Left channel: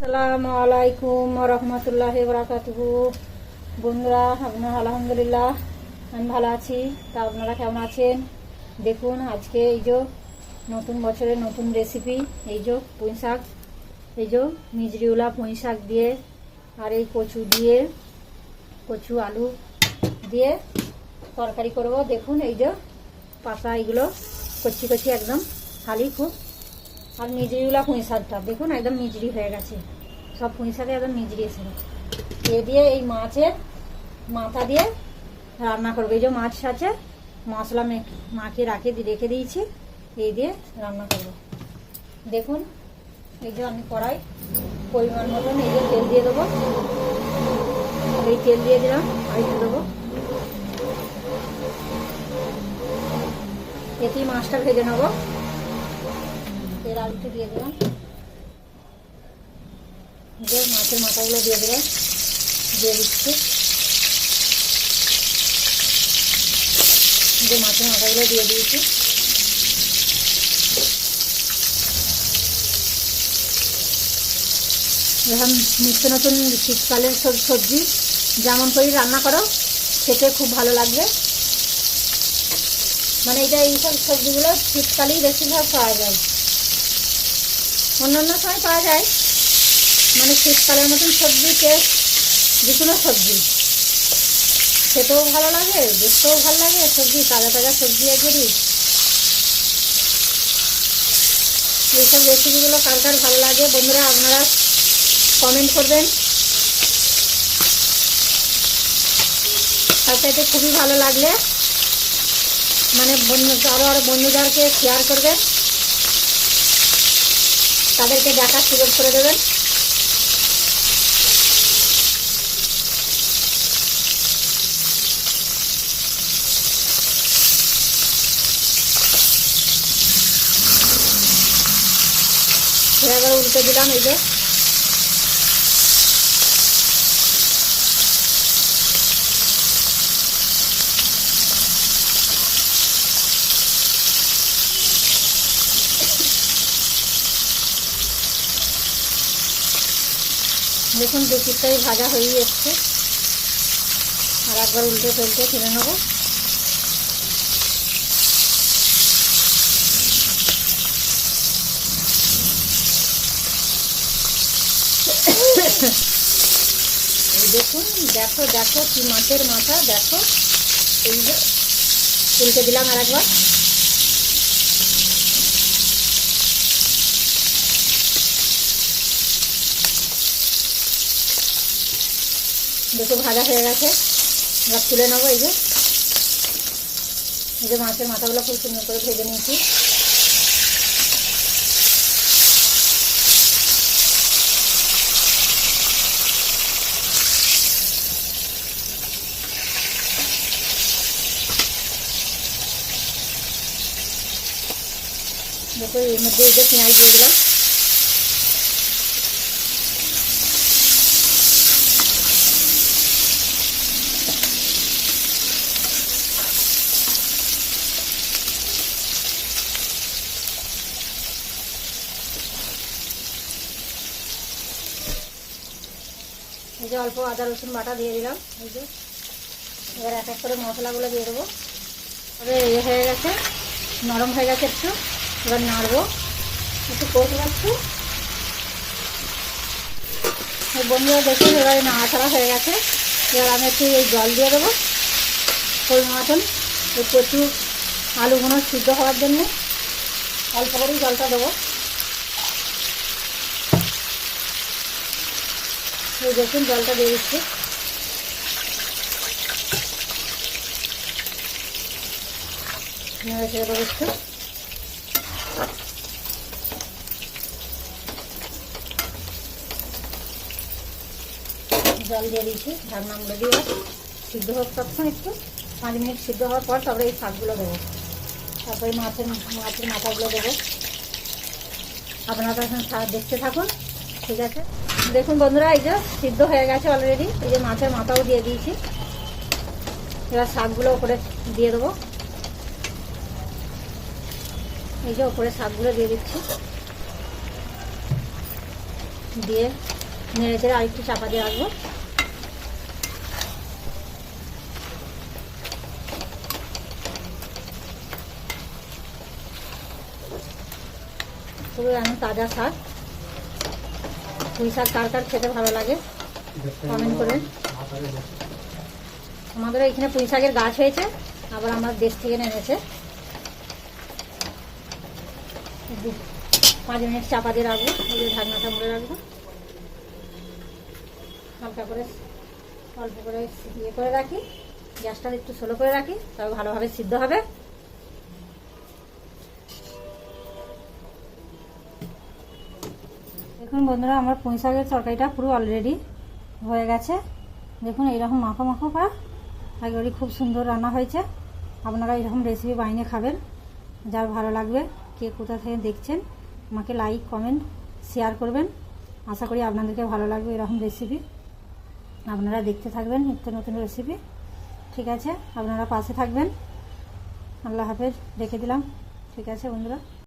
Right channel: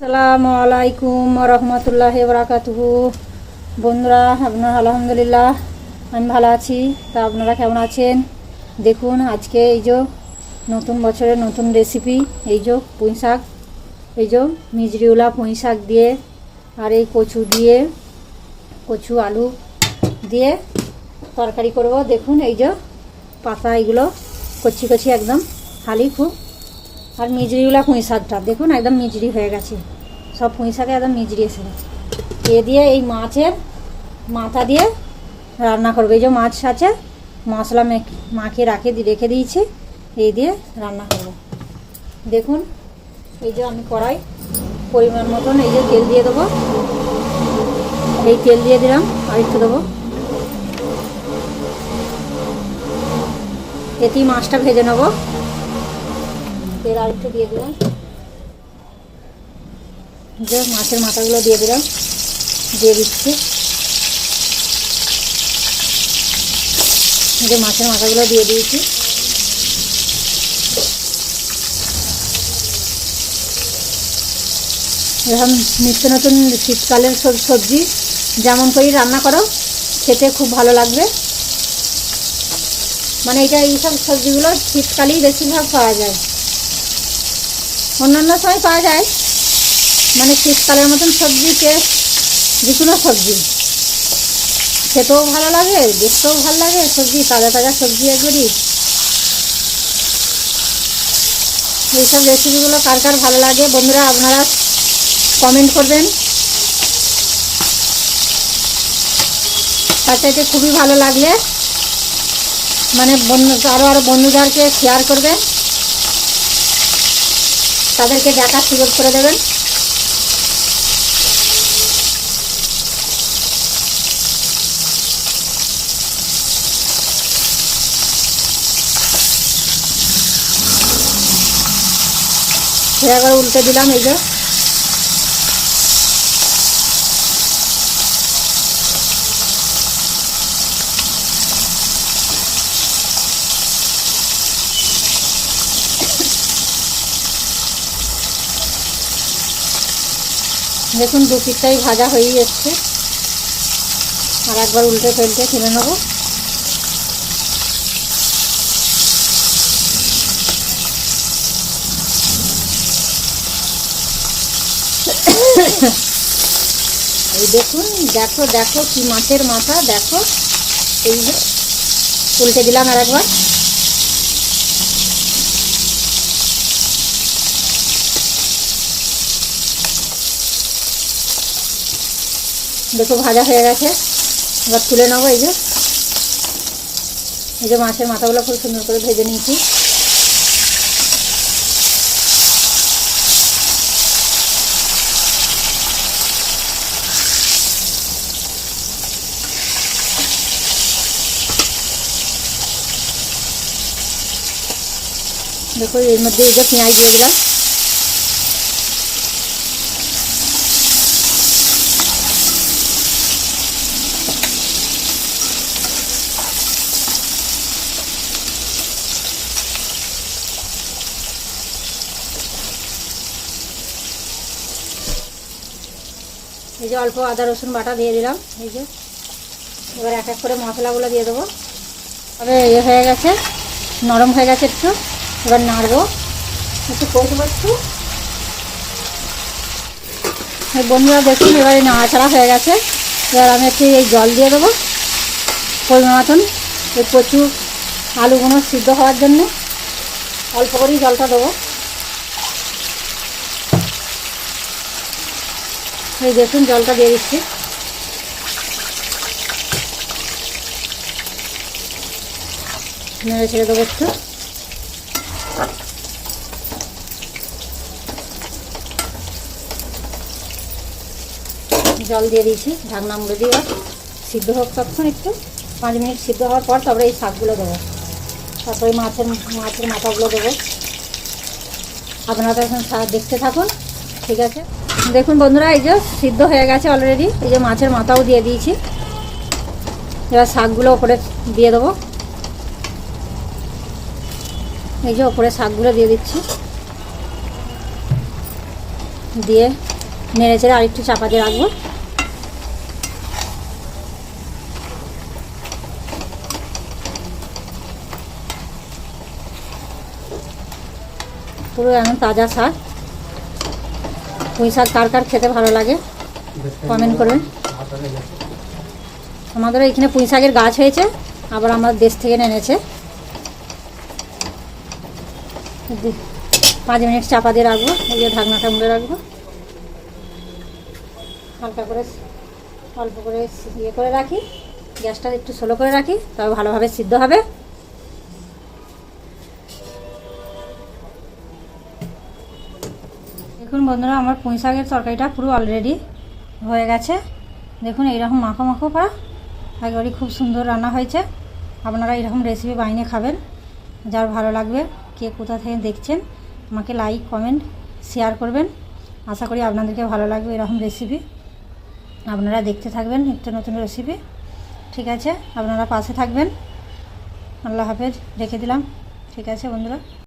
আসসালামু আলাইকুম রহমতুল্লাহি বারাকাতুহু। বন্ধুরা, আপনার আলহামদুলিল্লাহ আমি ভালো আছি। তা আপনারা কেমন আছেন? দেখুন আজকে এই যে নতুন বছরের নতুন রেসিপি, এই যে পুঁই শাক, এই যে মিজরিওলা পুঁই শাক দিয়ে আর এই কচু দিয়ে, কচু আলু দিয়ে তরকারি করব। দেখুন এই যে পাতা, এগুলো কচি কচি একদম খালি খুব। আর মিজরিওলা পুঁই শাকটা দেখুন একদম মিজরি হয়ে গেছে, সব পুঁই শাকে একদম মিজরি এসে গেছে। এ দিয়ে এই মাছের মাথা দিয়ে রান্না করবো। এই যে মাছ আছে, মশলা মাখিয়ে রেখে দিয়েছি, এই দিয়ে রান্না করব। দেখুন এই যে আমি কড়াই পরিমাণ মতন এই যে তেল দিয়ে দেবো, এই তেল দিয়ে দিলাম, আর একটু দেবো। এতেই মাছটা ভেজে নেবো। তেল আর একটু দিয়ে দিলাম, যে মাছের মাথাগুলো দিয়ে দিলাম, দিয়ে দিচ্ছি। যে মাছের মাথাগুলো দিয়ে দিয়েছি। এরকম নিত্য নতুন শীতকালের সব সবজি যেমন করেই রান্না করো, খেতে খুব ভালো লাগবে। মানে এইসব সবজিগুলো শীতকালেই বেশিরভাগ পাওয়া যায়, অন্যান্য সময় পাওয়া যায়। মানে শীতকালের মতন সবজি টেস্ট যে কোনো সবজি খেতেও ভালো লাগে, দেখতেও ভালো লাগে। সবজি তাজা তাজা সবজি একবারই। এইসব রেসিপিগুলো কার কার ভালো লাগে বন্ধুরা আপনারা কমেন্ট করবেন। তার চাইতে খুবই ভালো লাগলে মানে আরও বন্ধুদেরকে শেয়ার করবেন, তাদেরকে দেখার সুযোগ করে দেবেন। একবার উল্টে দিলাম, এই যে দেখুন দু পিঠটাই ভাজা হয়েই এসছে। আর একবার উল্টে তেলটা ফেলে নেব। এই দেখুন, দেখো দেখো কি মাছের মাথা, দেখো। এই যে উল্টে দিলাম আর একবার। দেখো ভাজা হয়ে গেছে, এবার তুলে নেবো। এই যে মাছের মাথাগুলো খুব সুন্দর করে ভেজে নিয়েছি। দেখো এর মধ্যে এই যে পেঁয়াজ দিয়ে দিলাম। এই যে অল্প আদা রসুন বাটা দিয়ে দিলাম। এই যে এবার এক এক করে মশলাগুলো দিয়ে দেবো। তবে হয়ে গেছে, নরম হয়ে গেছে একটু। এবার নাড়বো, একটু কষবো একটু। বন্ধুরা দেখুন এবারে নাড়াচাড়া হয়ে গেছে। এবার আমি একটু এই জল দিয়ে দেবো পরিমাণ মতন। এই কচু আলুগুলো সিদ্ধ হওয়ার জন্য অল্প করেই জলটা দেবো। এই দেখুন জলটা দিয়ে দিচ্ছি। নেড়ে ছেড়ে দেবো একটু। জল দিয়ে দিয়েছি, ঢাকনা মুড়ে দিয়ে সিদ্ধ হোক তখন একটু 5 মিনিট সিদ্ধ হওয়ার পর তারপরে এই শাকগুলো দেবো, তারপরে মাছের মাথাগুলো দেবো। আপনারা এখন দেখতে থাকুন, ঠিক আছে? দেখুন বন্ধুরা এই যে সিদ্ধ হয়ে গেছে অলরেডি। এই যে মাছের মাথাও দিয়ে দিয়েছি। এবার শাকগুলো ওপরে দিয়ে দেবো। এই যে ওপরে শাকগুলো দিয়ে দিচ্ছি। দিয়ে নেড়ে চেড়ে আরেকটু চাপা দিয়ে রাখবো। পুরো এখন তাজা শাক। পুঁই শাক কার কার খেতে ভালো লাগে কমেন্ট করবেন। আমাদের এখানে পুঁই শাকের গাছ হয়েছে, আবার আমার দেশ থেকে এনেছে। 5 মিনিট চাপা দিয়ে রাখবো, এই যে ঢাকনাটা মুড়ে রাখবো। হালকা করে অল্প করে ইয়ে করে রাখি, গ্যাসটা একটু স্লো করে রাখি, তাও ভালোভাবে সিদ্ধ হবে। দেখুন বন্ধুরা, আমার পুঁই শাকের তরকারিটা পুরো অলরেডি হয়ে গেছে। দেখুন এইরকম মাখো মাখো করা, একেবারে খুব সুন্দর রান্না হয়েছে। আপনারা এরকম রেসিপি বানিয়ে খাবেন, যার ভালো লাগবে। কে কোথা থেকে দেখছেন আমাকে লাইক কমেন্ট শেয়ার করবেন। আশা করি আপনাদেরকে ভালো লাগবে এরকম রেসিপি। আপনারা দেখতে থাকবেন নিত্য নতুন রেসিপি। ঠিক আছে, আপনারা পাশে থাকবেন। আল্লাহ হাফেজ, রেখে দিলাম। ঠিক আছে বন্ধুরা।